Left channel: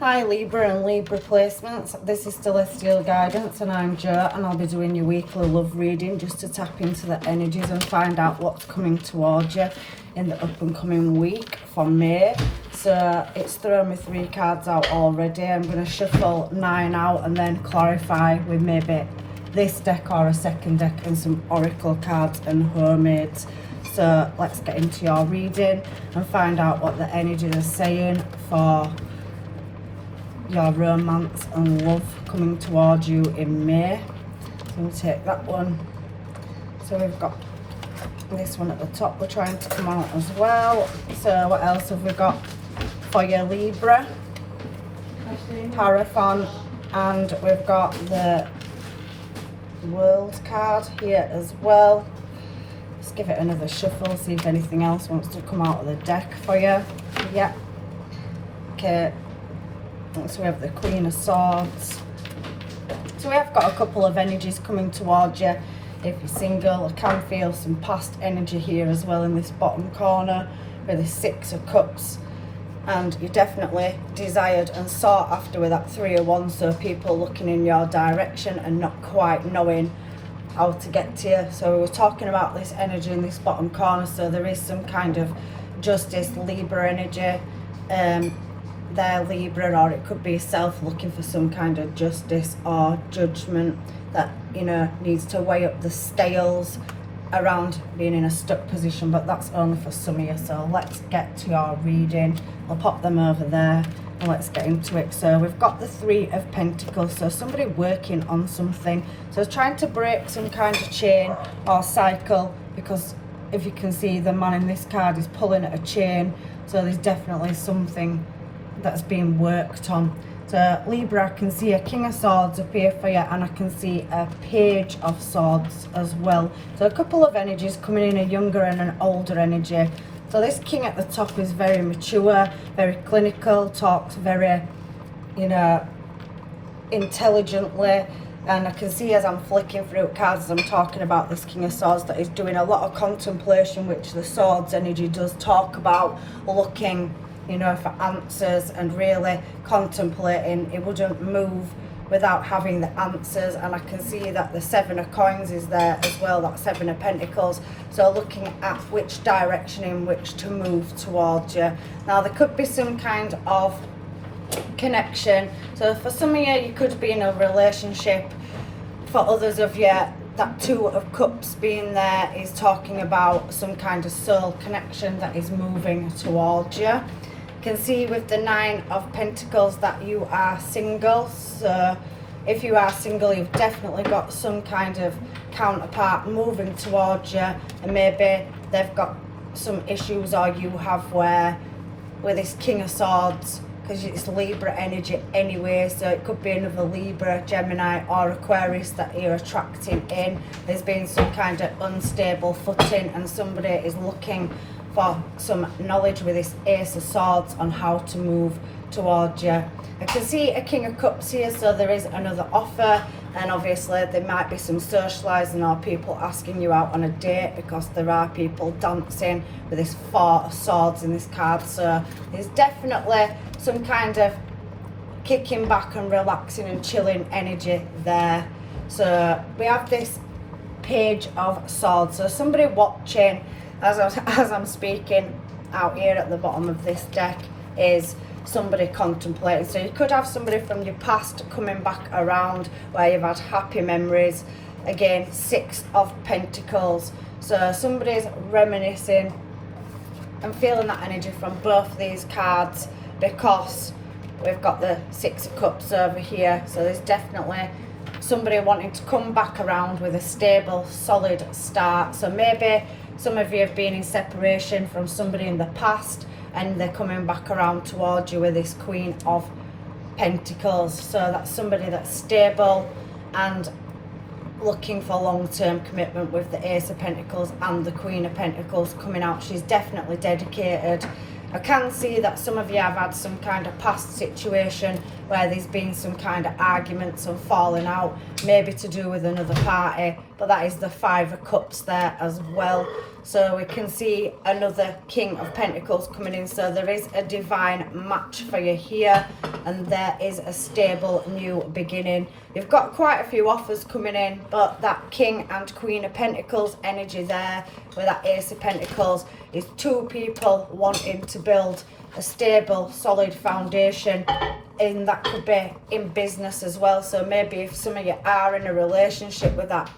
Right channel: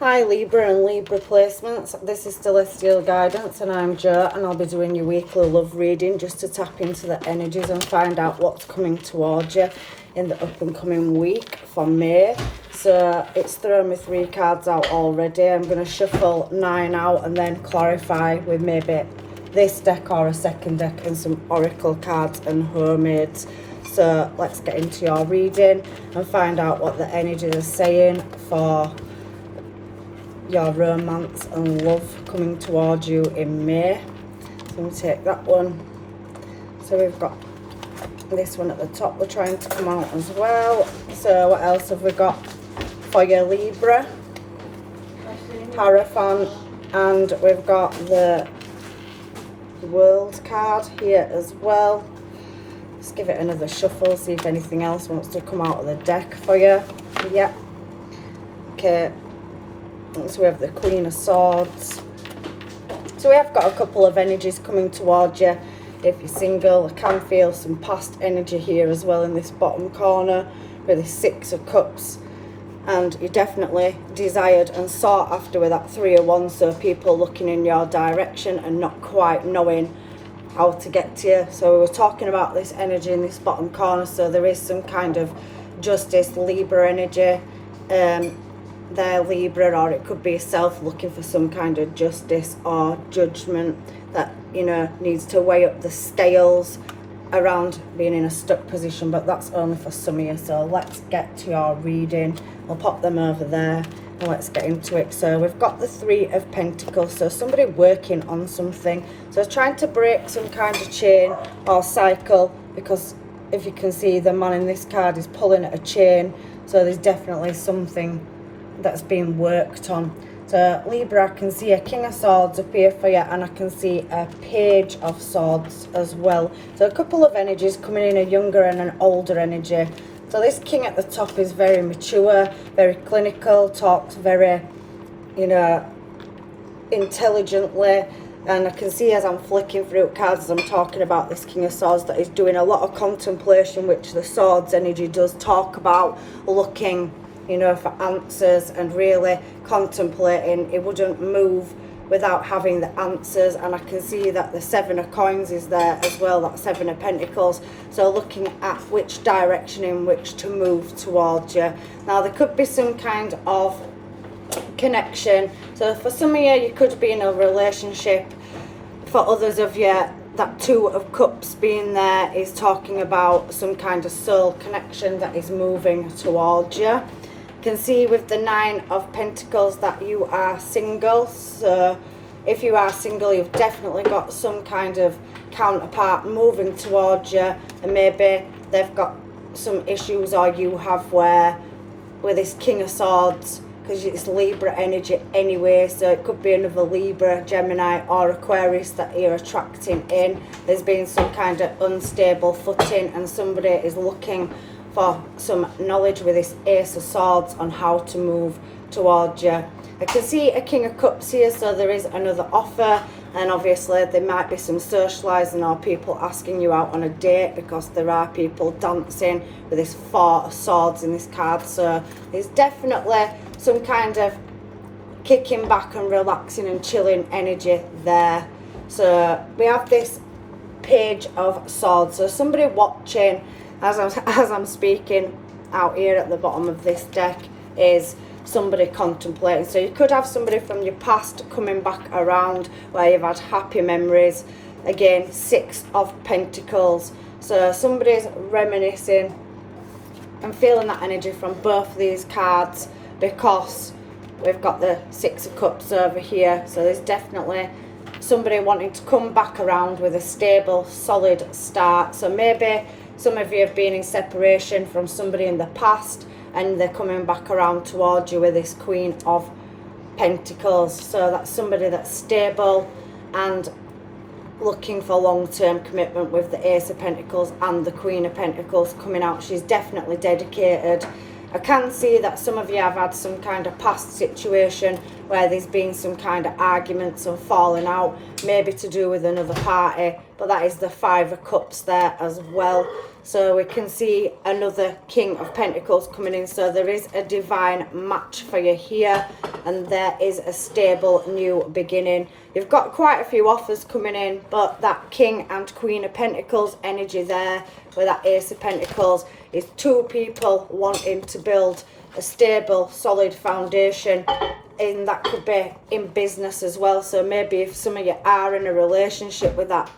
Hi Libra and Libra placements, this is Celestial Guidance and I'm Jo, and I'll be doing your weekly love reading just to tap into the energies and find out what's coming towards you in the up and coming week for May. So it's thrown me 3 cards out already. I'm going to shuffle 9 out and then clarify with maybe this deck or a second deck and some oracle cards and homemades. So let's get into your reading and find out what the energies are saying for your romance and love coming towards you in May. So I'm going to take that one. So we've got this one at the top, we're trying to come out as well. So what else have we got for your Libra? Hierophant, and we've got the World card here as well. Let's give it another shuffle, see if anything else wants to come out of the deck for you. Yeah. Okay. So we have the Queen of Swords. So we have got a couple of energies coming towards you. If you're single, I can feel some past energy here as well in this bottom corner with the 6 of Cups. And you're definitely desired and sought after with that 3 of Wands. So people looking in your direction and not quite knowing how to get to you. So we were talking about this energy in this bottom corner. So there is some kind of justice, Libra energy. There, Libra, or it could be yourself looking for some kind of justice or judgment that, you know, needs to weigh up the scales around being in a stuck position, but that's only for some of you. So let's get to your reading. I'll pop them over there and let's get into it. So we've got the 3 of Pentacles, so somebody working on something, so trying to break some kind of chain or cycle, because if you can see, the man in this card is pulling at a chain, so there's definitely something that's being worked on. So Libra, I can see a King of Swords up here for you, and I can see a Page of Swords as well. So a couple of energies coming in, a younger and an older energy. So this King at the top is very mature, very clinical, talks very, you know, intelligently. And I can see as I'm flicking through cards as I'm talking about this King of Swords that he's doing a lot of contemplation, which the Swords energy does talk about, looking, you know, for answers and really contemplating. It wouldn't move without having the answers. And I can see that the 7 of Coins is there as well, that 7 of Pentacles. So looking at which direction in which to move towards you. Now there could be some kind of connection. So for some of you, you could be in a relationship. For others of you, that 2 of Cups being there is talking about some kind of soul connection that is moving towards you. Can see with the 9 of Pentacles that you are single. So if you are single, you've definitely got some kind of counterpart moving towards you, and maybe they've got some issues, or you have, where with this King of Swords, because it's Libra energy anyway, so it could be another Libra, Gemini or Aquarius that you're attracting in. There's been some kind of unstable footing, and somebody is looking for some knowledge with this Ace of Swords on how to move towards you. I can see a King of Cups here, so there is another offer, and obviously there might be some socialising or people asking you out on a date, because there are people dancing with this 4 of Swords in this card. So there's definitely some kind of kicking back and relaxing and chilling energy there. So we have this Page of Swords, so somebody watching as I'm speaking out here at the bottom of this deck is somebody contemplating. So you could have somebody from your past coming back around where you've had happy memories. Again, 6 of Pentacles, so somebody's reminiscing. I'm feeling that energy from both these cards, because we've got the 6 of Cups over here. So there's definitely somebody wanting to come back around with a stable, solid start. So maybe some of you have been in separation from somebody in the past, and they're coming back around towards you with this Queen of Pentacles. So that's somebody that's stable and looking for long-term commitment with the Ace of Pentacles and the Queen of Pentacles coming out. She's definitely dedicated. I can see that some of you have had some kind of past situation where there's been some kind of arguments and falling out, maybe to do with another party but that is the Five of Cups there as well. So we can see another King of Pentacles coming in. So there is a divine match for you here, and there is a stable new beginning. You've got quite a few offers coming in, but that King and Queen of Pentacles energy there with that Ace of Pentacles is two people wanting to build a stable, solid foundation. And that could be in business as well. So maybe if some of you are in a relationship with that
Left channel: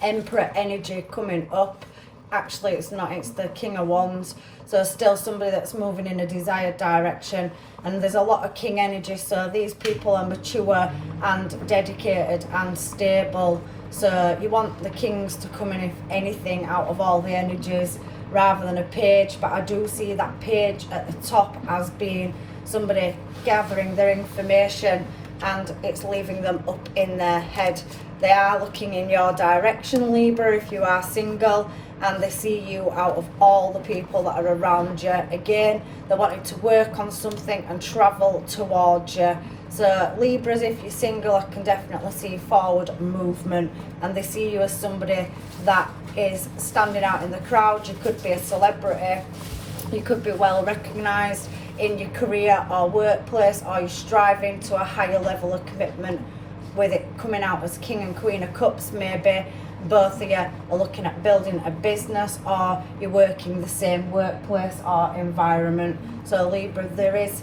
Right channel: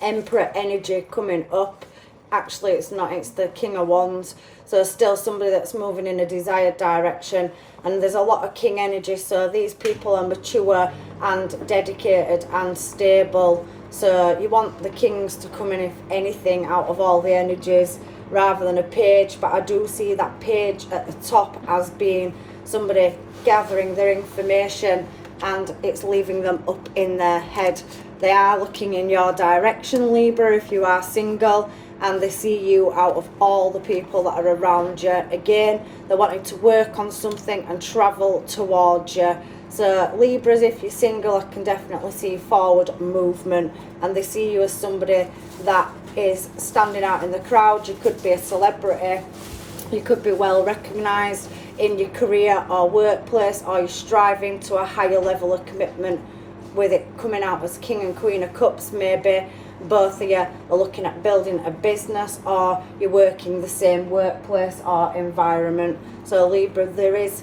Emperor energy coming up, actually it's not, it's the King of Wands, so still somebody that's moving in a desired direction. And there's a lot of King energy, so these people are mature and dedicated and stable. So you want the Kings to come in, if anything, out of all the energies, rather than a Page. But I do see that Page at the top as being somebody gathering their information, and it's leaving them up in their head. They are looking in your direction, Libra, if you are single, and they see you out of all the people that are around you. Again, they're wanting to work on something and travel towards you. So Libras, if you're single, I can definitely see forward movement, and they see you as somebody that is standing out in the crowd. You could be a celebrity, you could be well recognised in your career or workplace, or you're striving to a higher level of commitment, with it coming out as King and Queen of Cups. Maybe both of you are looking at building a business, or you're working the same workplace or environment. So Libra, there is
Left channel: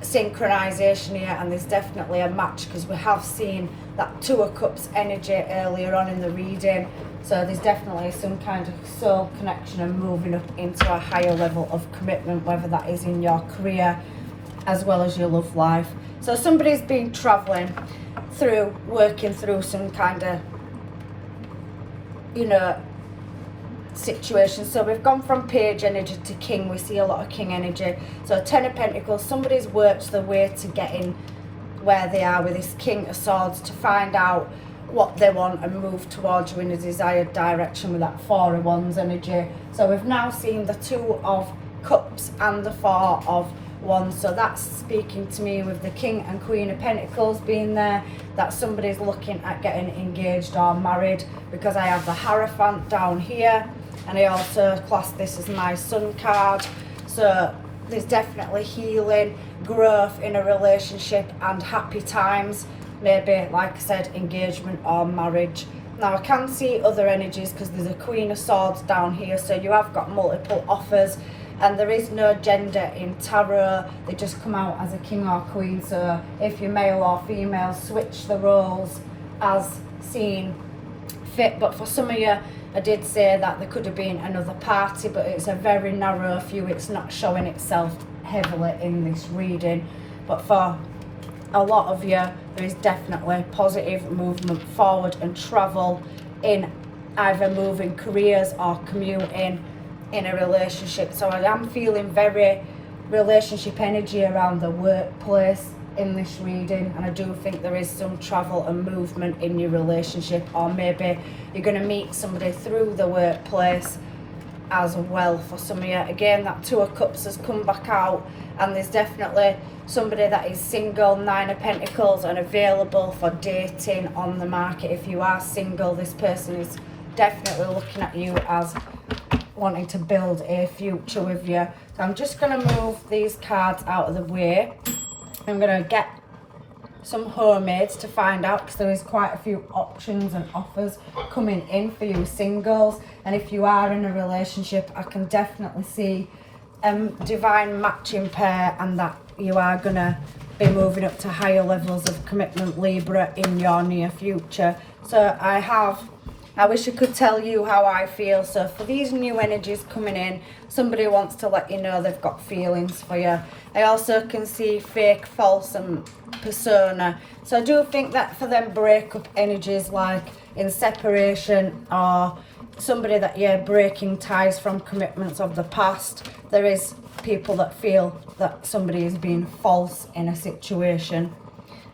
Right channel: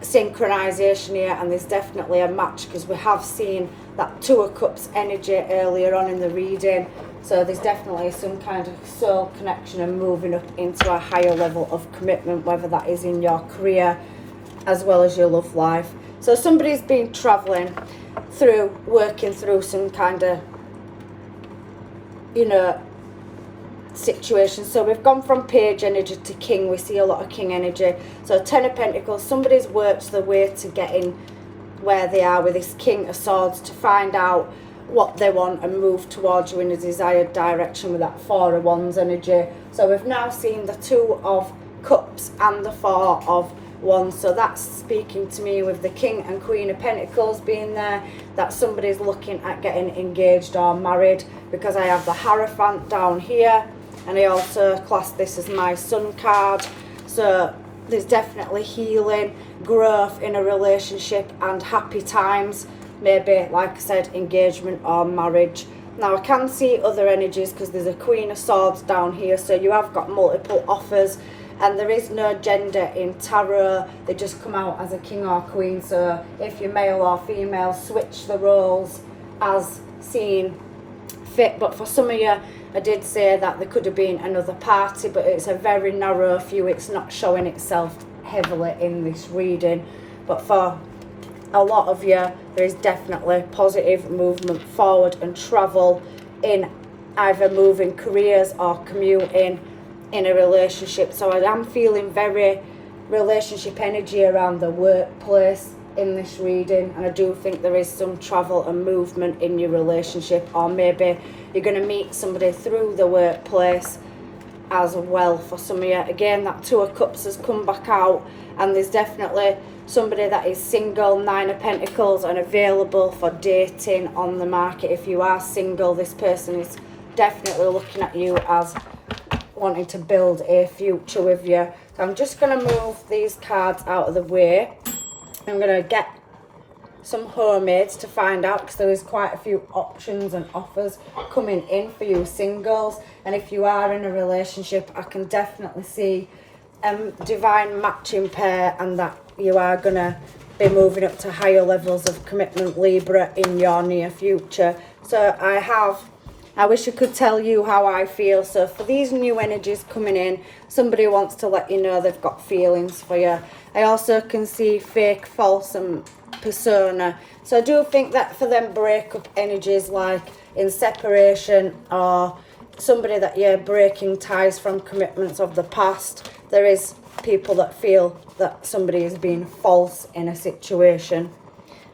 synchronization here, and there's definitely a match, because we have seen that Two of Cups energy earlier on in the reading. So there's definitely some kind of soul connection and moving up into a higher level of commitment, whether that is in your career as well as your love life. So somebody's been traveling through, working through some kind of, you know, situation. So we've gone from Page energy to King. We see a lot of King energy. So Ten of Pentacles, somebody's worked their way to getting where they are with this King of Swords, to find out what they want and move towards you in a desired direction with that Four of Wands energy. So we've now seen the Two of Cups and the Four of Wands. So that's speaking to me with the King and Queen of Pentacles being there, that somebody's looking at getting engaged or married, because I have the Hierophant down here, and I also class this as my Sun card. So there's definitely healing, growth in a relationship, and happy times. Maybe, like I said, engagement or marriage. Now I can see other energies, because there's a Queen of Swords down here, so you have got multiple offers, and there is no gender in tarot. They just come out as a king or queen. So if you're male or female, switch the roles as seen fit. But for some of you, I did say that there could have been another party, but it's a very narrow few. It's not showing itself heavily in this reading. But for a lot of you, there is definitely positive movement forward and travel in either moving careers or commuting in a relationship. So I am feeling very relationship energy around the workplace in this reading, and I do think there is some travel and movement in your relationship, or maybe you're going to meet somebody through the workplace as well for some of you. Again, that Two of Cups has come back out, and there's definitely somebody that is single, Nine of Pentacles, and available for dating on the market. If you are single, this person is definitely looking at you as wanting to build a future with you. So I'm just going to move these cards out of the way. I'm going to get some homemades to find out, because there is quite a few options and offers coming in for you singles. And if you are in a relationship, I can definitely see divine matching pair, and that you are going to be moving up to higher levels of commitment, Libra, in your near future. So I wish I could tell you how I feel. So for these new energies coming in, somebody wants to let you know they've got feelings for you. I also can see fake, false and persona. So I do think that for them breakup energies, like in separation, or somebody that, yeah, breaking ties from commitments of the past, there is people that feel that somebody is being false in a situation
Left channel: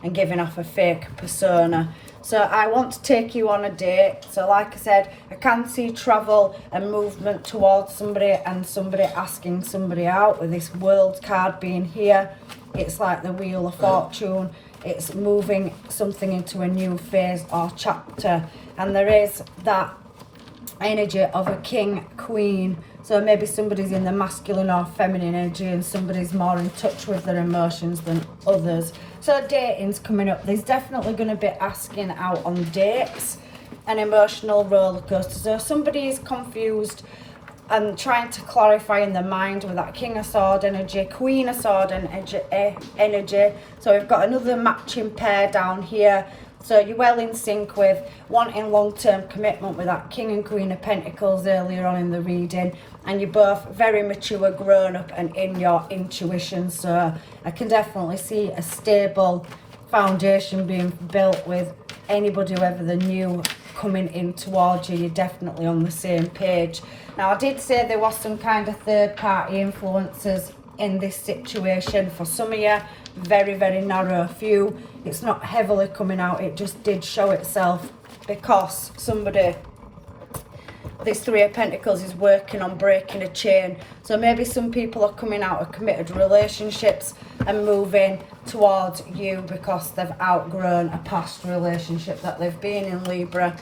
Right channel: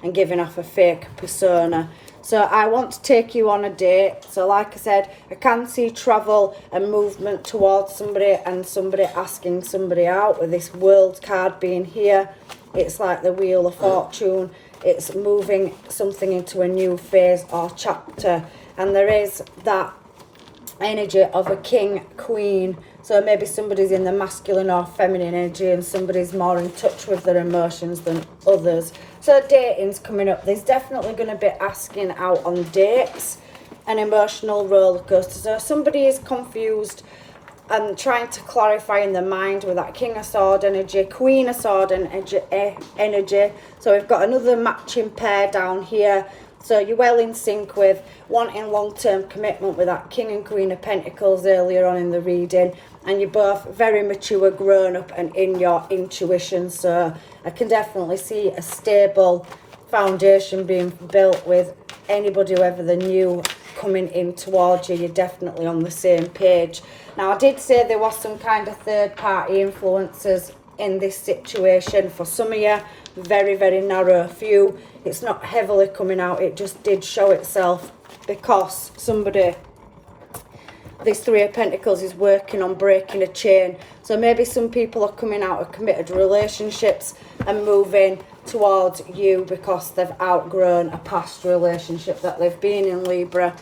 and giving off a fake persona. So I want to take you on a date. So like I said, I can see travel and movement towards somebody, and somebody asking somebody out, with this World card being here. It's like the Wheel of Fortune. It's moving something into a new phase or chapter. and there is that energy of a king, queen. So maybe somebody's in the masculine or feminine energy and somebody's more in touch with their emotions than others. So dating's coming up. There's definitely going to be asking out on dates, an emotional roller coaster. So somebody is confused and trying to clarify in their mind with that King of Sword energy, Queen of Sword energy. So we've got another matching pair down here. So you're well in sync with wanting long-term commitment with that King and Queen of Pentacles earlier on in the reading. And you're both very mature, grown up and in your intuition. So I can definitely see a stable foundation being built with anybody, whether they're new, coming in towards you. You're definitely on the same page. Now, I did say there was some kind of third-party influences in this situation. For some of you, very, very narrow few. It's not heavily coming out. It just did show itself because somebody, this Three of Pentacles, is working on breaking a chain. So maybe some people are coming out of committed relationships and moving towards you because they've outgrown a past relationship that they've been in, Libra.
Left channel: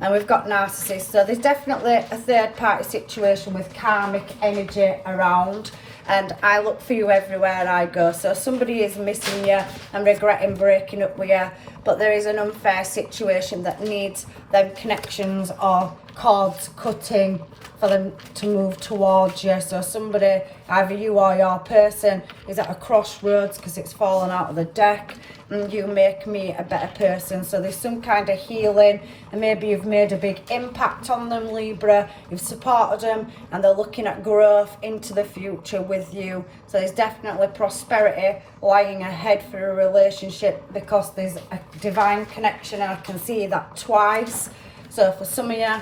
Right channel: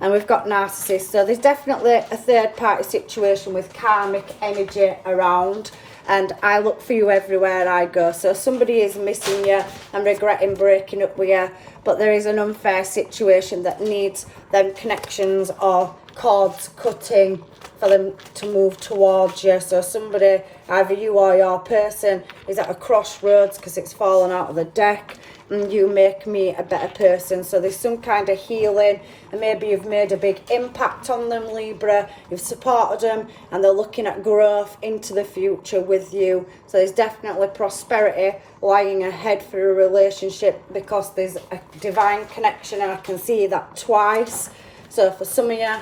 And we've got narcissists. So there's definitely a third party situation with karmic energy around. And I look for you everywhere I go. So somebody is missing you and regretting breaking up with you, but there is an unfair situation that needs them connections or cords cutting for them to move towards you. So somebody, either you or your person, is at a crossroads because it's fallen out of the deck, and you make me a better person. So there's some kind of healing, and maybe you've made a big impact on them, Libra. You've supported them and they're looking at growth into the future with you. So there's definitely prosperity lying ahead for a relationship because there's a divine connection, and I can see that twice. So for some of you,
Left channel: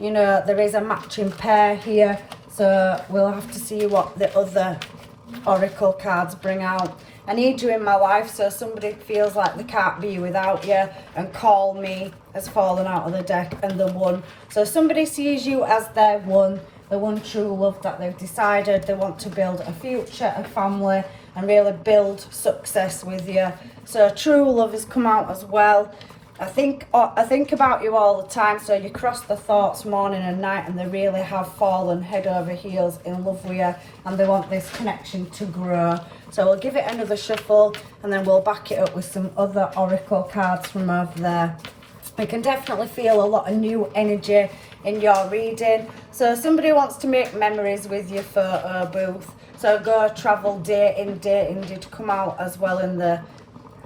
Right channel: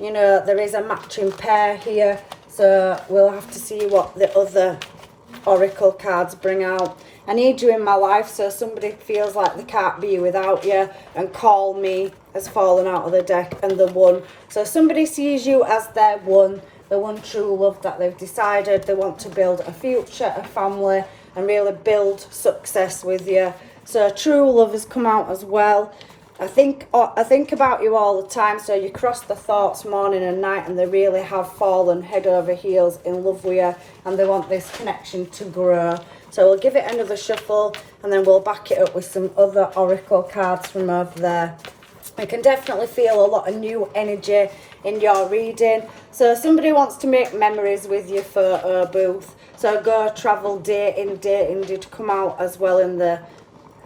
you know, there is a matching pair here. So we'll have to see what the other oracle cards bring out. I need you in my life, so somebody feels like they can't be without you, and Call Me has fallen out of the deck, and the One. So somebody sees you as their one, the one true love that they've decided they want to build a future, a family, and really build success with you. So true love has come out as well. I think about you all the time, so you cross the thoughts morning and night, and they really have fallen head over heels in love with you, and they want this connection to grow. So we'll give it another shuffle, and then we'll back it up with some other oracle cards from over there. I can definitely feel a lot of new energy in your reading. So somebody wants to make memories with your photo booth. So go travel, dating did come out as well in the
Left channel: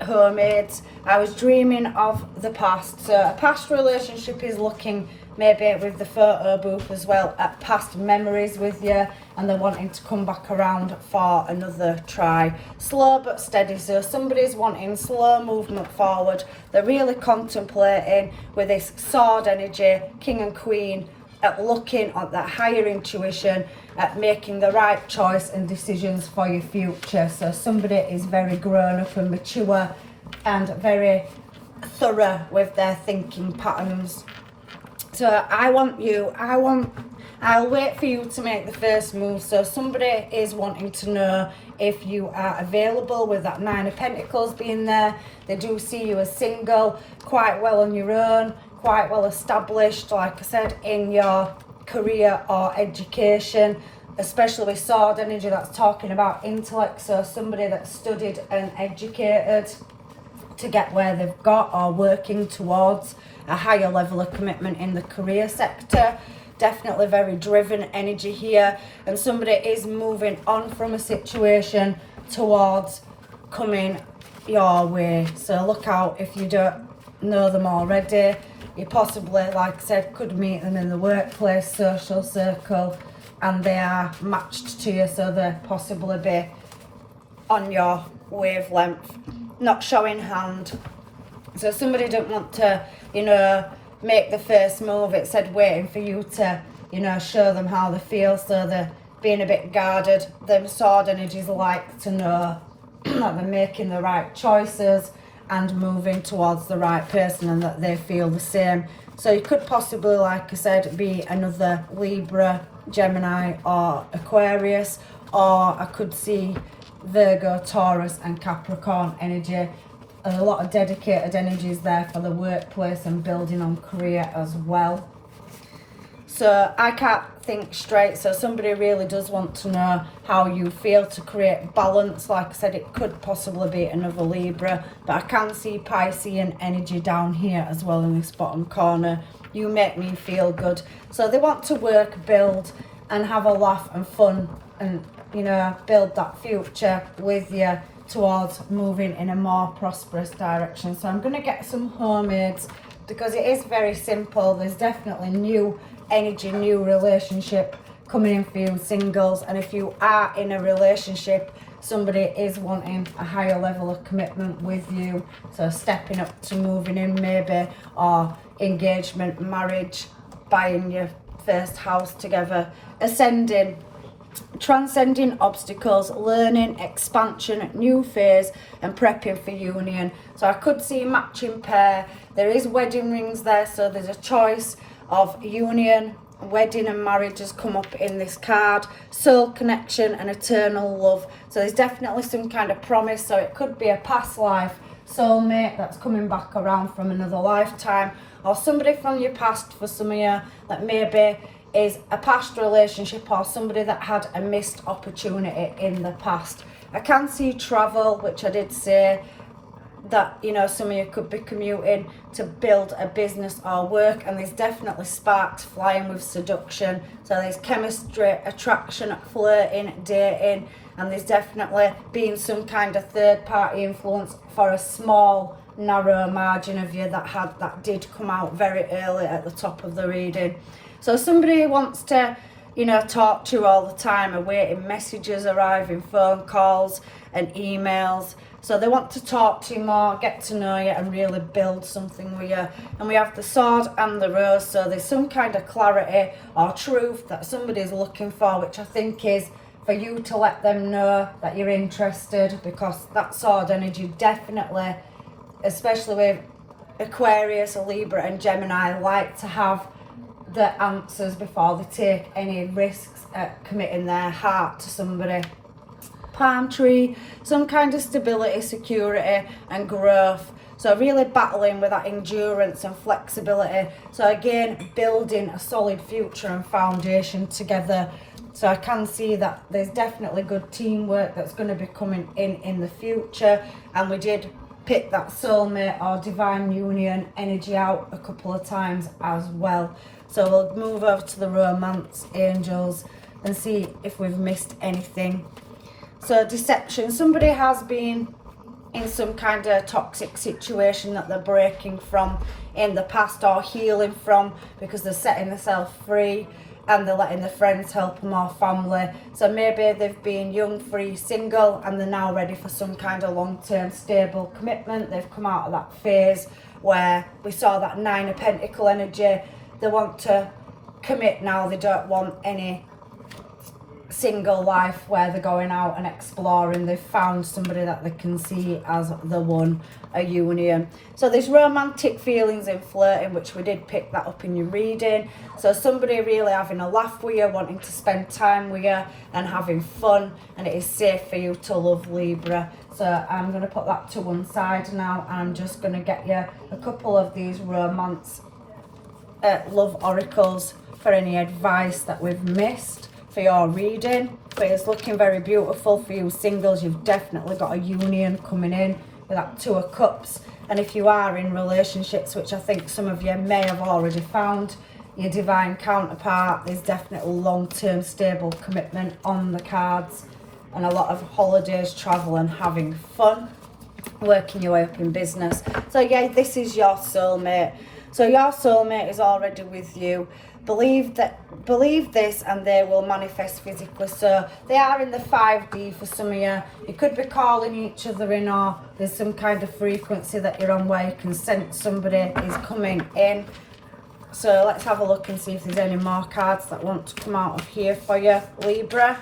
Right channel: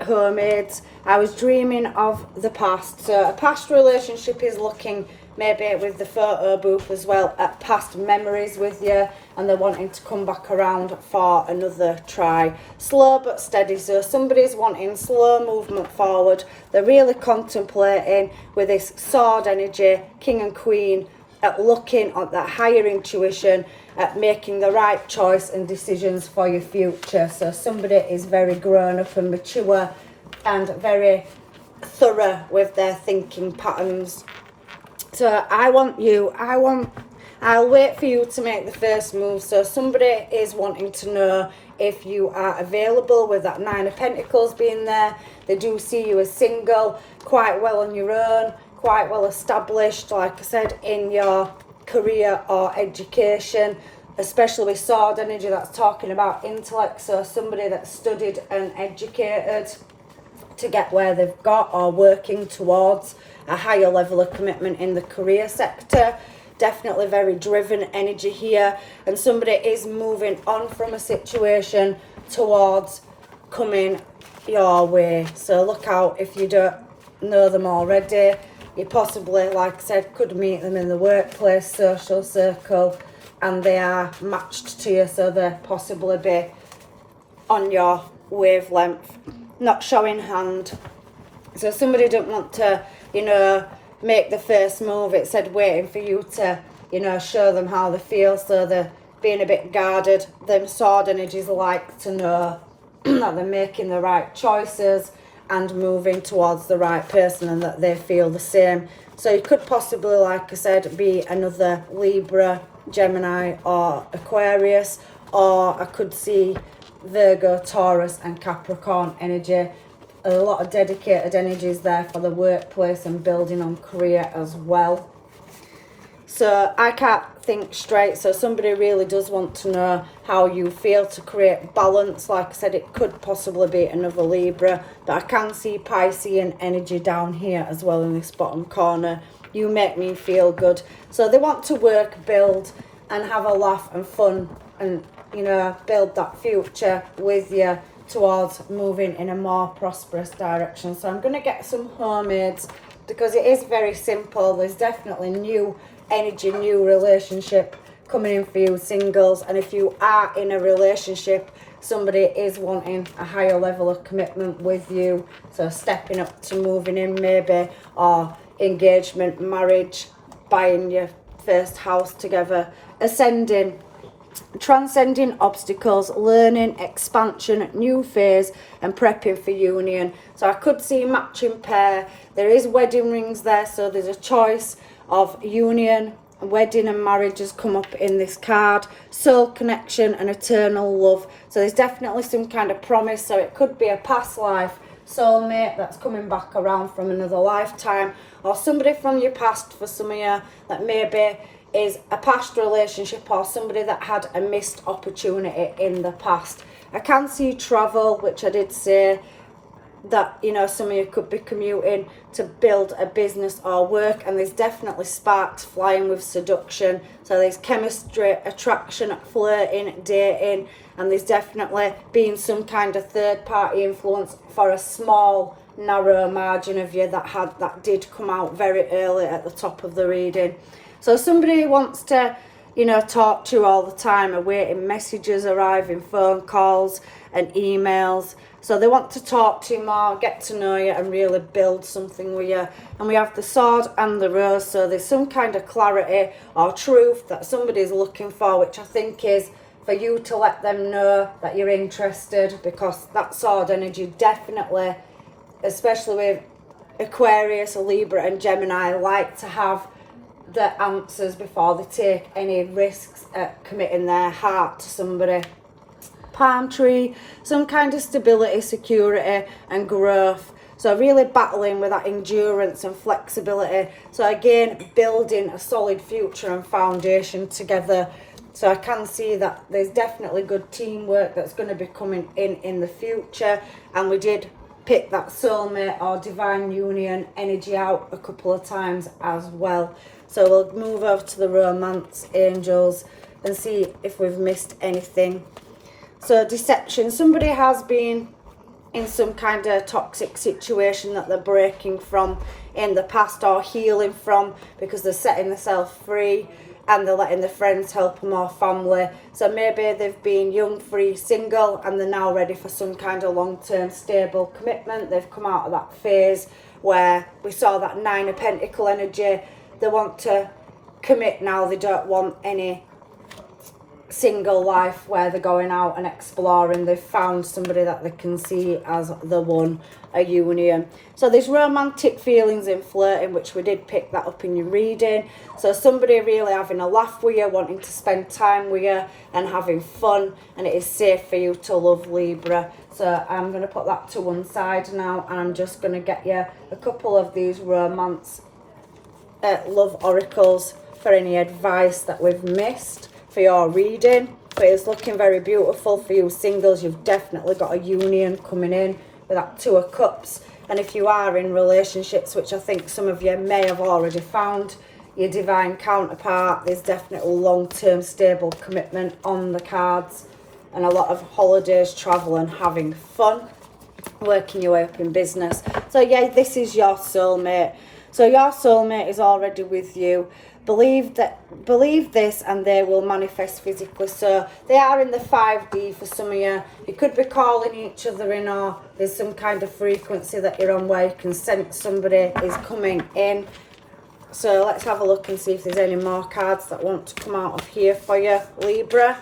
homemades. I was dreaming of the past. So a past relationship is looking, maybe with the photo booth as well, at past memories with you, and they're wanting to come back around for another try. Slow but steady. So somebody's wanting slow movement forward. They're really contemplating with this sword energy, king and queen, at looking at that higher intuition, at making the right choice and decisions for your future. So somebody is very grown up and mature and very thorough with their thinking patterns. So I'll wait for you to make the first move. So somebody is wanting to know if you are available, with that Nine of Pentacles being there. They do see you as single, quite well on your own, quite well established, like I said, in your career or education, especially with sword energy. That's talking about intellect. So somebody that's studied and educated to get where they've got, or working towards a higher level of commitment in the career sector. Definitely very driven energy here, and somebody is moving on from a situation towards coming your way. So look out if you don't know them already. You possibly, like I said, could meet them in the workplace, social circle, and they are matched to you, so they possibly be on your wavelength. Not showing hand. So somebody didn't want to, you know, make the first move. It said waiting for you to, you know, show them how they feel, so they're being a bit guarded. Them sword energies like to know that they're making the right choices and moving towards the right person, and that they feel the same. So you could possibly, like I said, be another Libra, Gemini or Aquarius, or I could see Virgo, Taurus and Capricorn energy. a lot of dedicated energies there for the workplace and building on career as well. So I can't think straight, so somebody really does want to know how you feel to create balance. Like I said, it could possibly be another Libra, but I can see Piscean energy down here as well in this bottom corner. You make me feel good. So they want to work, build and have a laugh and fun and, you know, build that future with you towards moving in a more prosperous direction. So I'm going to get some homemades because it is very simple. There's definitely new energy, new relationship coming in for you singles, and if you are in a relationship, somebody is wanting a higher level of commitment with you, so stepping up to moving in maybe, or engagement, marriage, buying your first house together, ascending, transcending obstacles, learning, expansion, new phase and prepping for union. So I could see matching pair. There is wedding rings there, so there's a choice of union, wedding and marriage has come up in this card. Soul connection and eternal love. So there's definitely some kind of promise. So it could be a past life soulmate that's coming back around from another lifetime, or somebody from your past for some of you that maybe is a past relationship, or somebody that had a missed opportunity in the past. I can see travel, which I did say that, you know, some of you could be commuting to build a business or work, and there's definitely sparks flying with seduction. So there's chemistry, attraction, flirting, dating, and there's definitely being some kind of third party influence for a small narrow margin of you that did come out very early at the top of the reading. So somebody who wants to, you know, talk to you all the time, awaiting messages arriving, phone calls and emails. So they want to talk to you more, get to know you and really build something with you. And we have the sword and the rose. So there's some kind of clarity or truth that somebody's looking for, which I think is for you to let them know that you're interested, because that sword energy definitely, especially with Aquarius, Libra and Gemini, like to have the answers before they take any risks at committing their heart to somebody. Palm tree, some kind of stability, security and growth. So really battling with that endurance and flexibility. So again, building a solid future and foundation together. So I can see that there's definitely good teamwork that's going to be coming in the future. And we did pick that soulmate or divine union energy out a couple of times as well. So we'll move over to the romance angels and see if we've missed anything. So deception, somebody has been in some kind of toxic situation that they're breaking from in the past or healing from, because they're setting themselves free and they're letting their friends help them or family. So maybe they've been young, free, single, and they're now ready for some kind of long-term stable commitment. They've come out of that phase where we saw that Nine of Pentacle energy. They want to commit now. They don't want any single life where they're going out and exploring. They've found somebody that they can see as the one, a union. So there's romantic feelings in flirting, which we did pick that up in your reading. So somebody really having a laugh with you, wanting to spend time with you and having fun, and it is safe for you to love, Libra. So I'm going to put that to one side now, and I'm just going to get you a couple of these romance love oracles for any advice that we've missed for your reading. But it's looking very beautiful for you singles. You've definitely got a union coming in with that Two of Cups. And if you are in relationships, which I think some of you may have already found, your divine counterpart, there's definitely long-term stable commitment on the cards, and a lot of holidays, travel and having fun, working your way up in business. So yeah, this is your soulmate. So your soulmate is already with you. Believe this and they will manifest physically. So they are in the 5D for some of you. You could be calling each other in, or there's some kind of frequency that you're on where you can sense somebody is coming in. So let's have a look and see if there's any more cards that want to come out of here for you, Libra.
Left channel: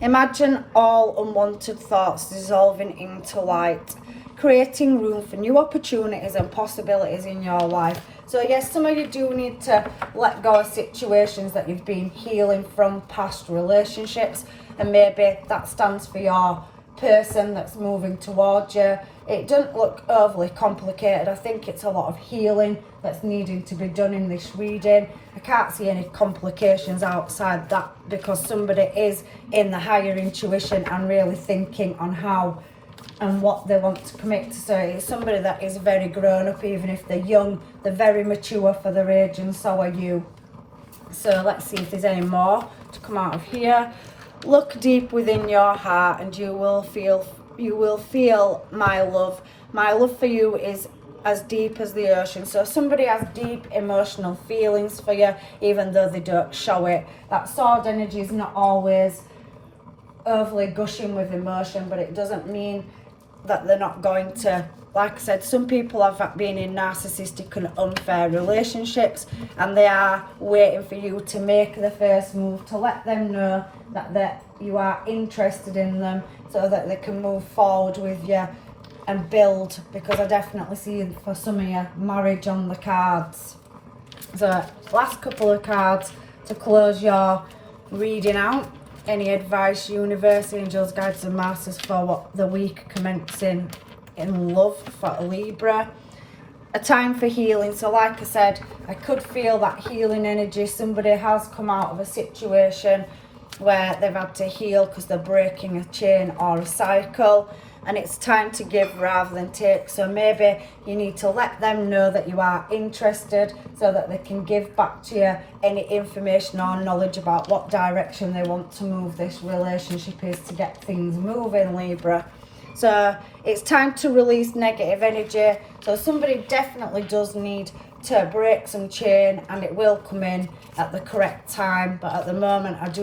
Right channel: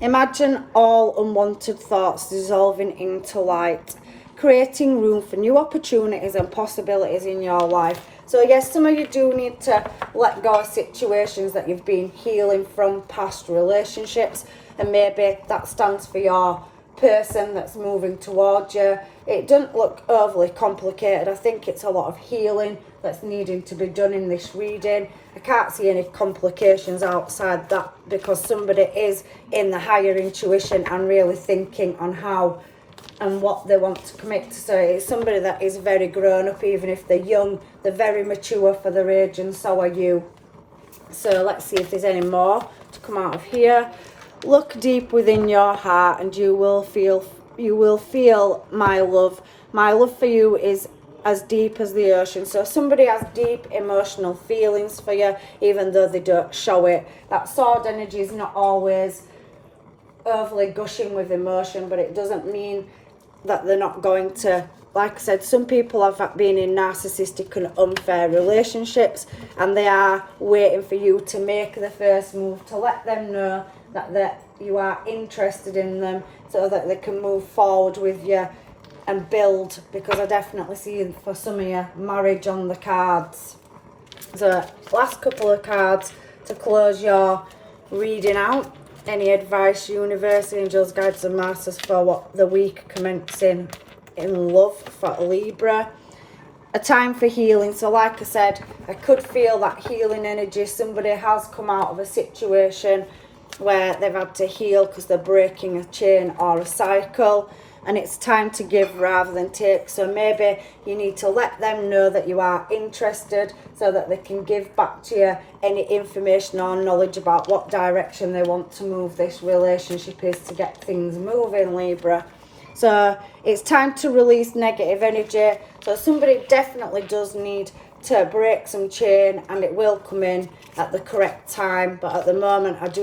Imagine all unwanted thoughts dissolving into light, creating room for new opportunities and possibilities in your life. So yes, some of you do need to let go of situations that you've been healing from, past relationships, and maybe that stands for your person that's moving towards you. It doesn't look overly complicated. I think it's a lot of healing that's needing to be done in this reading. I can't see any complications outside that, because somebody is in the higher intuition and really thinking on how and what they want to commit to. So it's somebody that is very grown up, even if they're young. They're very mature for their age, and so are you. So let's see if there's any more to come out of here. Look deep within your heart and you will feel my love. My love for you is as deep as the ocean. So somebody has deep emotional feelings for you, even though they don't show it. That sword energy is not always overly gushing with emotion, but it doesn't mean that they're not going to. Like I said, some people have been in narcissistic and unfair relationships, and they are waiting for you to make the first move, to let them know that you are interested in them, so that they can move forward with you and build. Because I definitely see, for some of you, marriage on the cards. So last couple of cards to close your reading out. Any advice, universe, angels, guides and masters, for what the week commencing in love for Libra? A time for healing. So like I said, I could feel that healing energy. Somebody has come out of a situation where they've had to heal because they're breaking a chain or a cycle, and it's time to give rather than take. So maybe you need to let them know that you are interested, so that they can give back to you any information or knowledge about what direction they want to move this relationship is, to get things moving, Libra. So it's time to release negative energy. So somebody definitely does need to break some chain, and it will come in at the correct time. But at the moment, I do